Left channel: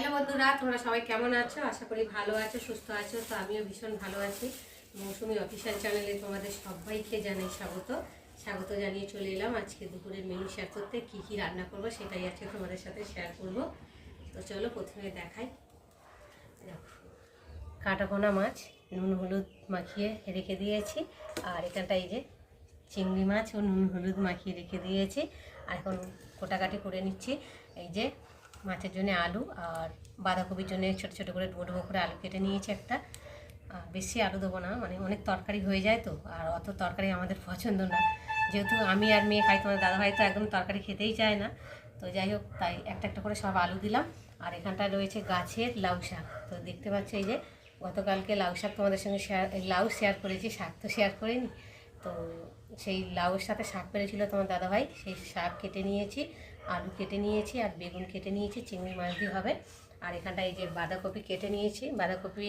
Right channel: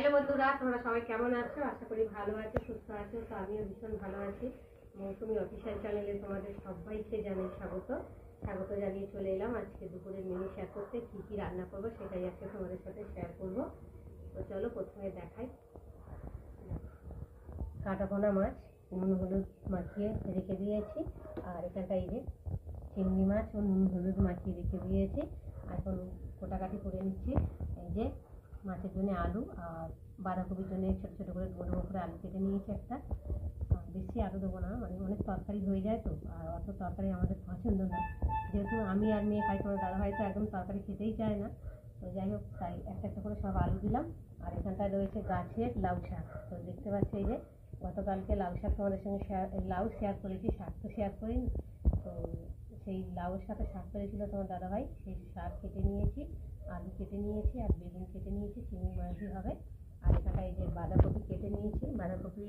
Hello বন্ধুরা, তোমরা সবাই কেমন আছো? আশা করি ভালো আছো, সুস্থ আছো। তো আমিও ভীষণ ভালো আছি। মৌসুমি অফিসিয়াল চ্যানেলে তোমাদের সবাইকে জানাই স্বাগত জানিয়ে চলে এলাম আজকে দুপুরের মেনু শেয়ার করতে। কি কি রান্না করবো সেটাই আজকে তোমাদের সাথে শেয়ার করবো। তো চলো প্রথমে দেখাই। কাটাপোনা মাছ নুন হলুদ মাখিয়ে রেখে দিয়েছি, আর এখানটায় এই যে চিংড়ি মাছ ও নুন হলুদ মাখিয়ে রেখে দিয়েছি। আর এখন কোটাকাটি করে নিচ্ছি। এই যে মাছের জন্য আলু আর বাঁধাকপির জন্য ছোটো ছোটো করে ডুবো ডুবো করে আলু কেটে নিয়েছি একটা। বেশি আলু দেবো না, মানে অনেক তরকারি হয়ে যায় তো, আর অত তরকারি আমাদের পছন্দ না। যেহেতু আমি আর মেয়ে খাই, তোমার দাদাভাই তো একদম তরকারি খেতেই চায় না। তো যাই হোক, তাই একটা একটা করে সব আলু দিলাম। আর এখানটায় রয়েছে গাছের লাউ শাক। তো দেখতে পাচ্ছ এই যে গতকালকে লাউ শাক তোমাদের সঙ্গে লাউ শেয়ার করেছি, শাক তো শেয়ার করিনি। তো সেই লাউয়ের সাথে শাক পেরেছিল তোমার দাদাভাই, সেই শাক কেটে নিয়েছি, আলু কেটে নিয়েছি, আর বেগুন কেটে নিয়েছি, চিংড়ি মাছ দিয়ে হবে। আর এখানটা এই যে বাঁধাকপি কেটে নিয়েছি, বাঁধাকপি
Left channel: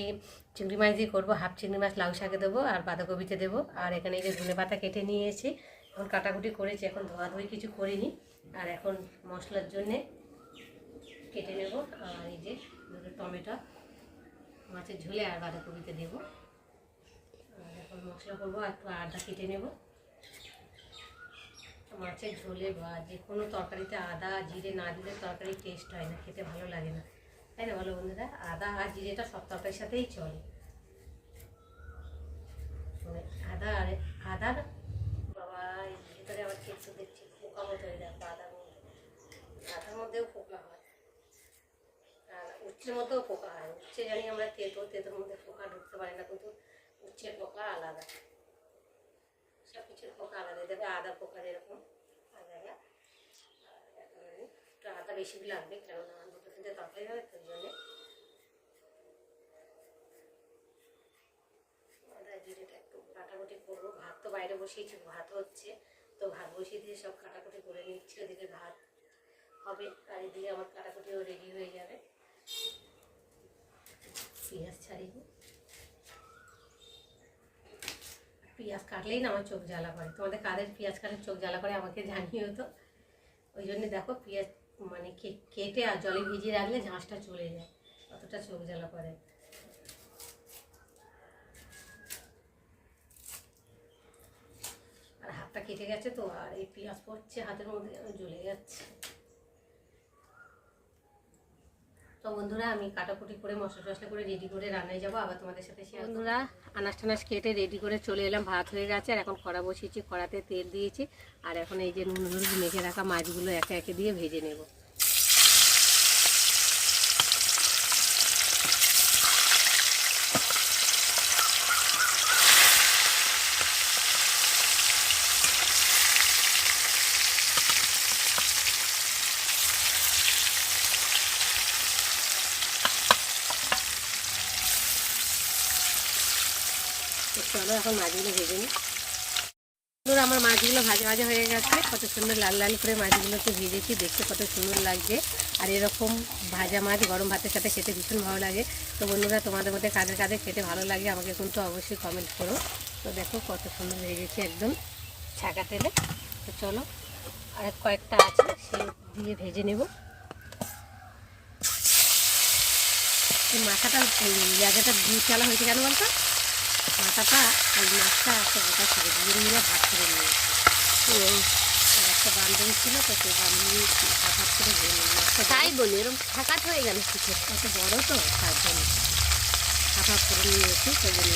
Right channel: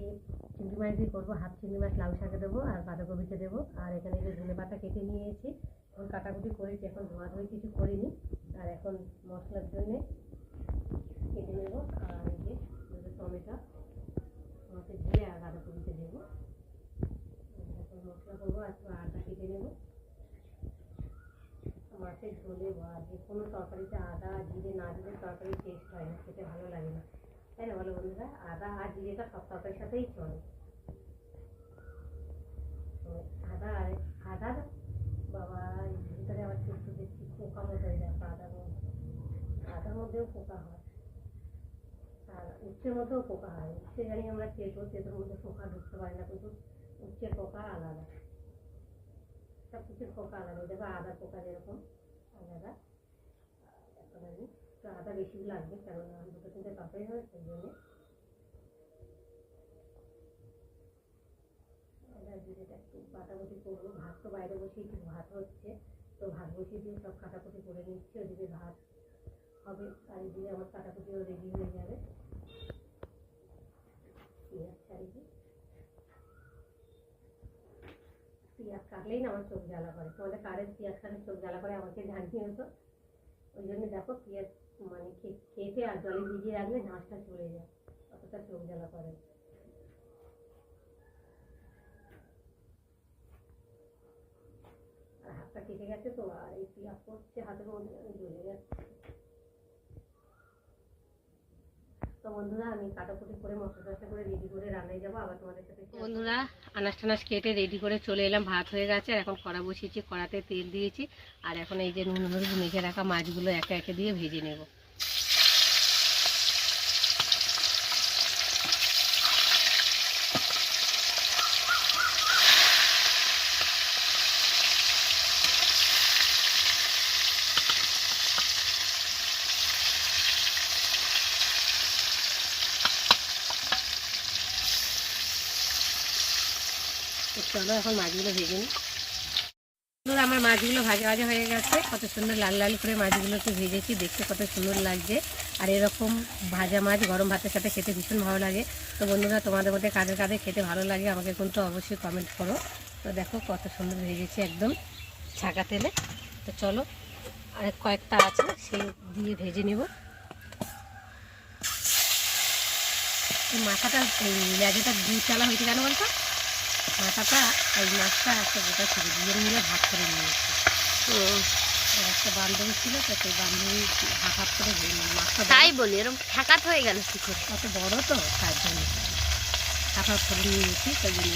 চিংড়ি মাছ দিয়ে করবো, হাফ চিংড়ি মাছ লাউ শাকে দেবো আর বাঁধাকপিতে দেবো। আর এখানে এই যে ধনে পাতা কেটে নিয়েছি, এখন কাটাকুটি করেছি, এখন ধোয়াধুয়ি কিছু করিনি। আর এখন মশলার জন্যে কেটে নেব। আর এই যে টমেটো মাছের ঝোলে আর বাঁধাকপিতে দেবো। আর এখন মশলা করবো, একটু আদা কেটে নেব। মাছের ঝোলে বা যে কোনো তরকারিতে আদা জিরে না দিলে তরকারি টেস্ট হয় না, খেতে ভালো লাগে না, তাই না বলো বন্ধুরা? আদা আর জিরেটা সব তরকারির সাথেই চলে। আদার বাবা এই ভিতরে আবার কিছু দেখছি পোকা মতো হয়ে যাবে। আদার মধ্যেও পোকা হয়, আর উচ্ছের মধ্যেও পোকা হয়। উচ্ছে জানি আমরা তেঁতোর মধ্যে পোকা ঢুকতে পারে না, কিন্তু উচ্ছের পোকা আলাদা, সব কিছুর পোকা আলাদা। দেখো আদা পোকা যেরকম আলাদা। এখন একটু আদা বেশি লাগবে, কেননা দুটো তিনটে তরকারি হবে, তার জন্যে আদা জিরেটা একটু কাটাকুটি করবো। ভাত তো বাইরে বসিয়েছি, ভাত হচ্ছে, তো ভাত বসিয়ে দিয়ে সব কাটাকুটি করে নিচ্ছি। ওদিকে ভাত হবে আর এদিকে আমার কাটাকুটিও রেডি হয়ে যাবে। পেঁয়াজ ছাড়িয়ে, পেঁয়াজ কাটলেই না আমার চোখ জ্বালা করে। তোমাদের কাদের পেঁয়াজ কাটলে চোখ জ্বালা করে আমাকে জানিও তো। ওই জন্য দেখো পেঁয়াজ মানে কেটে আর জলে ভিজিয়ে রাখলে ঝাঁসটা চলে যায়, অতটা চোখ জ্বালা করে। আর হাতটা কেটে গেছে তো, আর এই পেঁয়াজ পড়ছে হাতের মধ্যে, জ্বলে যাচ্ছে। তো বন্ধুরা, আমি কাটাকুটি করে মশলা টশলা করে রেডি করে রান্নায় যাবো, আবার তোমাদের সাথে। বন্ধুরা, আনাজ টানাজ কেটে রেডি করে চলে এলাম। ভাত হয়ে গেছে, আর এখন কড়া বসিয়েছি, কড়াতে তেল দিয়েছি। আর এখন এই যে নুন হলুদ মেখে রাখা মাছগুলো একে একে দিয়ে ভেজে নেব। চলো এখন মাছগুলো ভেজে নিই। আমার মাছগুলো ভাজা ভাজা হয়ে গেছে, কত সুন্দর লাল লাল করে মাছগুলোকে ভেজেছি, দেখতে কত সুন্দর লাগছে। আর এরকম ভাজা মাছ গরম ভাতের সাথে খেতে ভীষণ ভালো লাগে। তো বন্ধুরা, তোমাদের মধ্যে কাদের কাদের খেতে ভালো লাগে আমাকে কিন্তু অবশ্যই কমেন্ট করো। তো দেখো কত সুন্দর ভেজেছি, একদম ছাকা তেলে। তো চলো, আর কয়েকটা আছে সেই দিয়ে ভেজে নেব। এই মাথাটা লেজাটা দিয়ে চালা হয়েছে কেন বলতো? মাথাটা ওই মাছটা একটা গোটা ছিল, দুজন মিলে ভাগ করে নিয়েছে। একটা বান্ধবী ছিল, তো সেই বান্ধবী হাফ করে ধরে মাছটা। তাই বলি, এরকম ফাঁকাত হয়ে গেল কী করে? এত বড় তো, তার জন্য হাফ করে নিয়েছি। সেই জন্য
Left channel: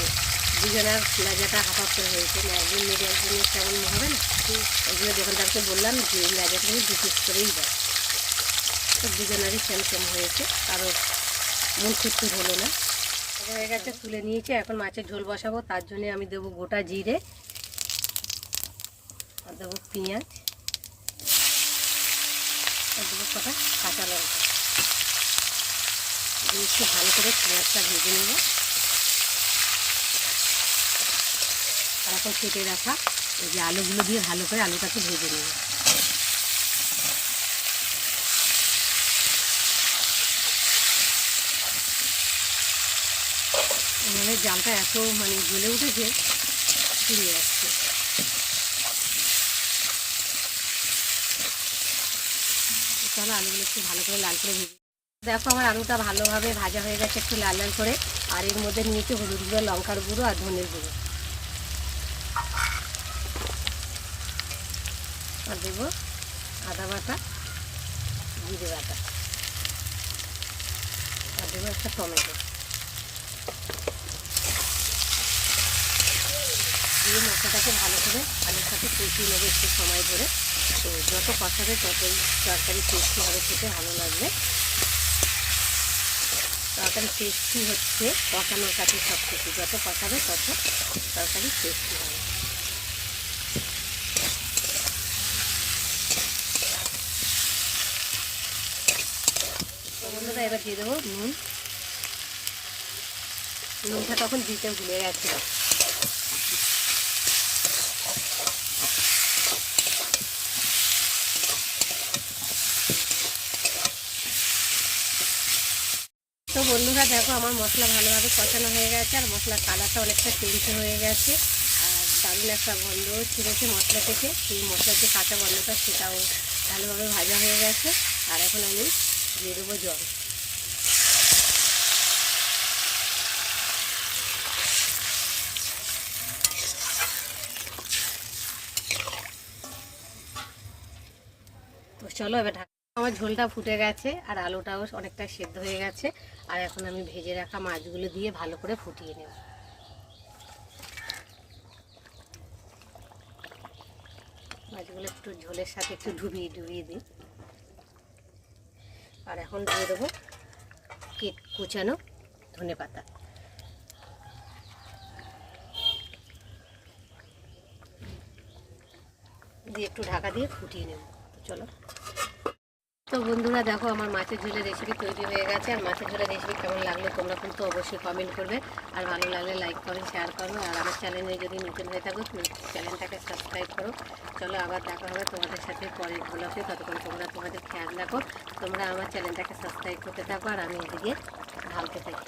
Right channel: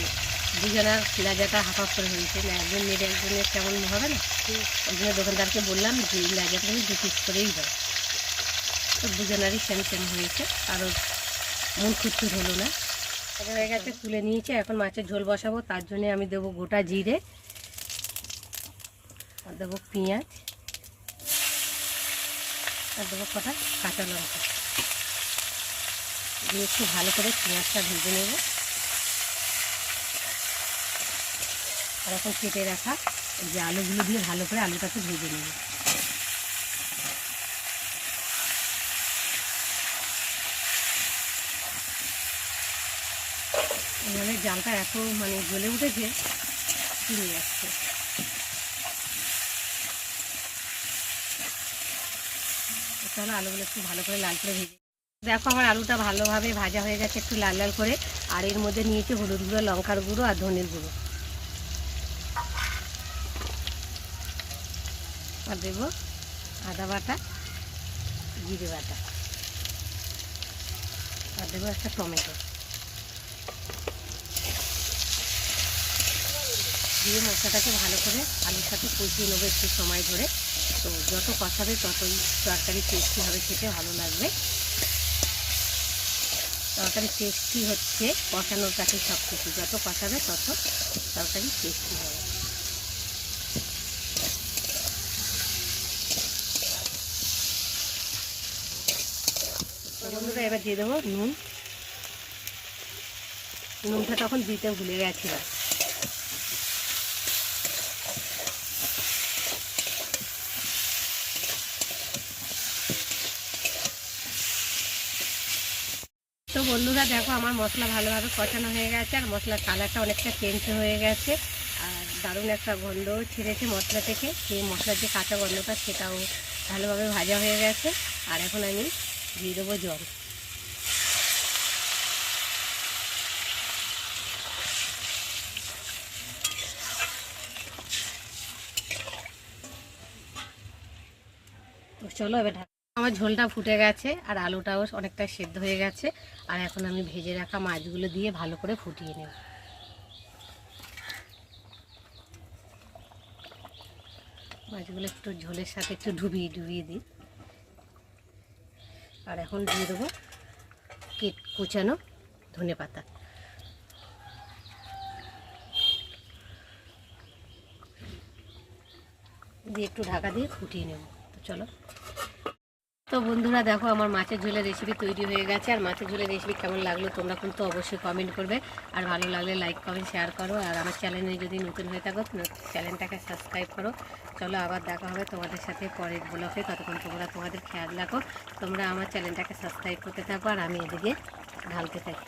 দুজনের লেজাটা হাফ করে হয়েছে না, একজন মেরে একজনের কেমন হবে না। ওই জন্য দোকানদারকে বললাম যে লেজাটা আমি 2 পিস করেই দাও। তো দুজনেরই সেম হয়েছে, কারো মন খুঁজতে হলো না। হয়ে গেছে, তুলে নিয়েছি। এখন মাছের ঝোল বসাবো, তার জন্য আমি দেবো গোটা জিরে, আর দেবো পেঁয়াজ, আর দেবো কটা কাঁচা লঙ্কা দিয়ে একটু ভালো করে পেঁয়াজটা ভেজে নেব। আর এখন কেটে রাখা এই যে আলুগুলো দিয়ে ভালো করে আলুটাকে ভেজে নেব। আমাদের জালটা এত মানে জ্বলে উঠেছে, ফিরে যাচ্ছে। চলো আলুগুলো একটু ভালো করে লাল করে ভেজে দেখো আমার আলুটা ভালোভাবে ভাজা হয়ে গেছে একটু লাল লাল করে। আর এর মধ্যে নিয়েছি হলুদ গুঁড়ো, লঙ্কার গুঁড়ো আর ধনের গুঁড়ো। আর দেবো আদা বাটা, জিরে বাটা, আর দেবো একটা টমেটো দিয়ে মশলাটাকে ভালো করে আলুর সাথে কষিয়ে নেবো একটু সময় ধরে। তো যত কষাবে ততই তরকারি টেস্টি হবে, খেতে ভালো লাগবে। তরকারি টেস্টি হচ্ছে কষানোর কাছে সব কিছু, যত কষাবে তত তরকারি টেস্টি হবে। এবার দিয়ে দেবো নুন। নুনটা তখন দিতে ভুলে গেছিলাম। তো বন্ধুরা দেখো আমার মশলা ভালোভাবে কষানো হয়ে গেছে, আর মশলার কালারটা অনেকটা চেঞ্জ হয়ে গেছে, আর দারুণ একটা গন্ধও ছিঁড়েছে মশলা থেকে। সেই মশলার যে কাঁচা গন্ধটা সেটাও ভালোভাবে ভাজা হয়ে গেছে। আর এখন আমি দিয়ে দেবো জল। তো চলো এবার আমার ঝোলটা ফুটে গেছে আর আলুটাও অনেকটা সেদ্ধ হয়ে গেছে। আর এখন আমি ভেজে রাখা মাছগুলো দিয়ে ভালো করে ফুটিয়ে নেব। মাছগুলো একটু ঝোলের সাথে একটু ডুবিয়ে দিই। আর এখন দিয়ে দেবো কুচানো ধনেপাতা দিয়ে একটু ঢাকা দিয়ে ফুটিয়ে নেব। তো চলো। তো বন্ধুরা দেখো আমার মাছের ঝোলের রেসিপি তৈরি হয়ে গেছে। আর মাছের ঝোলের রেসিপি কেমন লাগলো তোমরা কিন্তু অবশ্যই কমেন্ট করবে, আর ভালো লাগলে লাইক কমেন্ট শেয়ার করো। আর আমার চ্যানেলে যদি নতুন হয়ে থাকো চ্যানেলটাকে সাবস্ক্রাইব করো। চলো আবার দেখা হবে তোমাদের সাথে পরের ব্লগে। ততক্ষণ তোমরা তোমাদের খেয়াল রাখো, তোমরা আমার চ্যানেলটাকে সাবস্ক্রাইব করতে থাকো আর আমি এদিকে ঢালতে থাকি।